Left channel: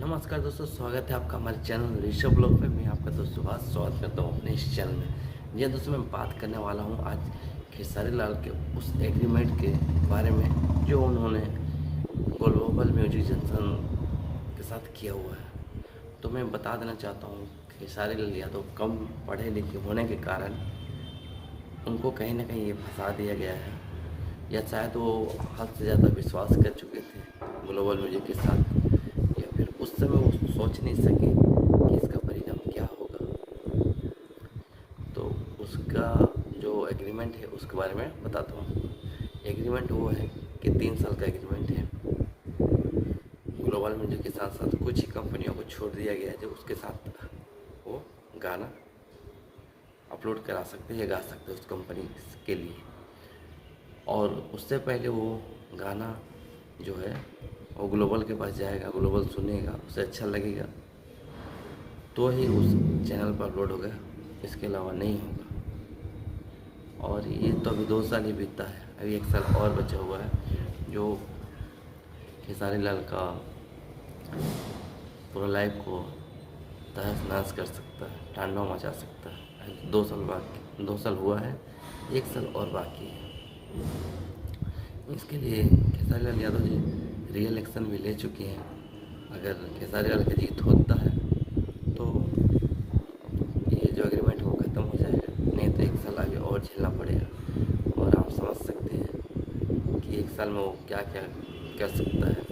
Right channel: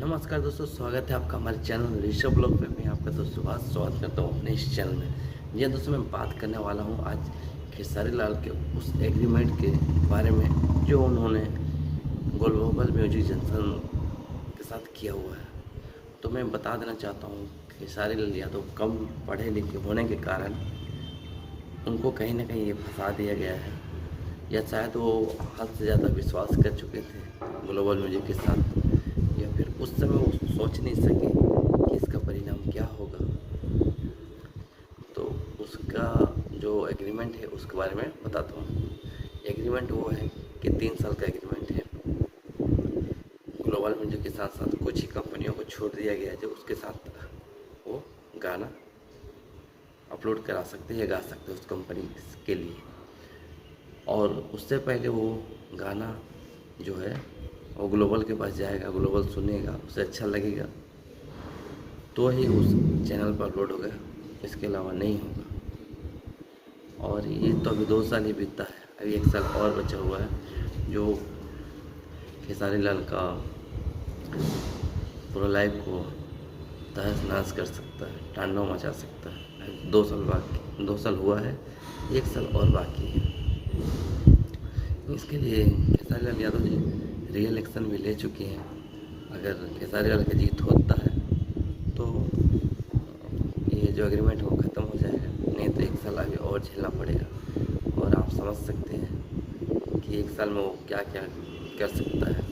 नमस्कार दोस्तों, स्वागत है आपका हमारे चैनल ऋषभ ब्लॉग पे। मैं आपका दोस्त सुभाष स्वागत करता हूँ अपने इस चैनल में। जी दोस्तों, मैं बात करने वाला हूँ आज खेसारी लाल के उस एग्रीमेंट के बारे में जो उन्होंने ग्लोबल म्यूजिक जंक्शन के साथ किया हुआ है। तो मैं बता देना चाहता हूँ, खेसारी लाल यादव कम पढ़े लिखे होने के कारण उनको कहीं ना कहीं ये फंसा दिया गया है, या शायद वो हद से ज़्यादा विश्वास कर चुके थे ग्लोबल म्यूजिक के साथ, या फिर उस समय वो सोच नहीं सके कि इसका परिणाम क्या होगा। तो उसका जो एग्रीमेंट है उसके बारे में बताता हूँ। एग्रीमेंट वो है कि 3 साल का एग्रीमेंट है। ग्लोबल म्यूजिक के साथ साथ कुछ ही कंपनियों को छोड़ दिया गया है जो उसके साथ वो गाना अपलोड करा सकते हैं या गा सकते हैं उस कंपनी के लिए। और उससे पहले वो गाना जो है वो ग्लोबल के पास जाएगा, ग्लोबल सुनेगा, उसे अच्छा लगेगा तो ही उस चैनल पर अपलोड होगा, इसके अलावा नहीं होगा। और ये तो अभी 2 साल ही बीता है, अभी 1 साल और बचा हुआ है जो खेसारी लाल का पूरा लाइफ को तहस नहस कर सकता है, तांडव मचा सकता है। 2 साल बाकी, 2 साल हुआ है, 1 साल और बाकी है। इसके लिए खेसारी लाल यादव जी रियल एक्शन भी ले चुके हैं। अगर खेसारी लाल का जीत होता है तो ये जो एग्रीमेंट है वो ख़त्म हो जाएगा, नहीं तो 1 साल आगे और झेलना पड़ेगा। और आप समझ सकते हैं कि 1 साल में वो क्या क्या कर सकता है।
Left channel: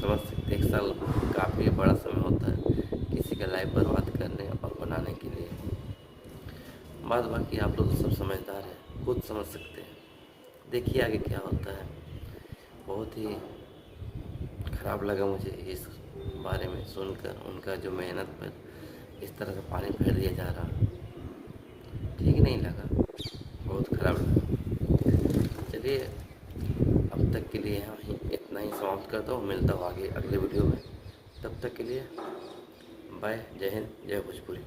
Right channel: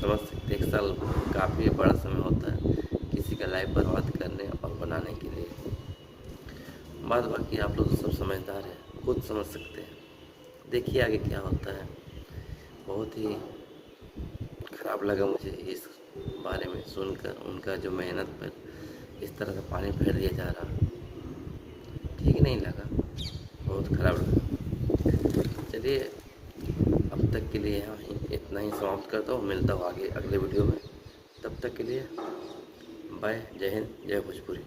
समझ सकते 1 साल काफ़ी बड़ा समय होता है किसी का लाइफ बर्बाद करने और बनाने के लिए। बात बाकी आप लोग तो सब समझदार हैं, खुद समझ सकते हैं। देखिए आगे क्या होता है। बहुत ही ख़राब लगा मुझे इस बारे में सुनकर, उनका जो मेहनत पर इस तरह से पानी फेर दिया जा रहा, ठीक नहीं लगा, बहुत ख़राब लगा। चलिए अब तक के लिए यहाँ ही इतना ही समाप्त करता हूँ, मिलता हूँ आगे अगले वीडियो में। तब तक के लिए बाय, जय हिंद, जय भोजपुरी।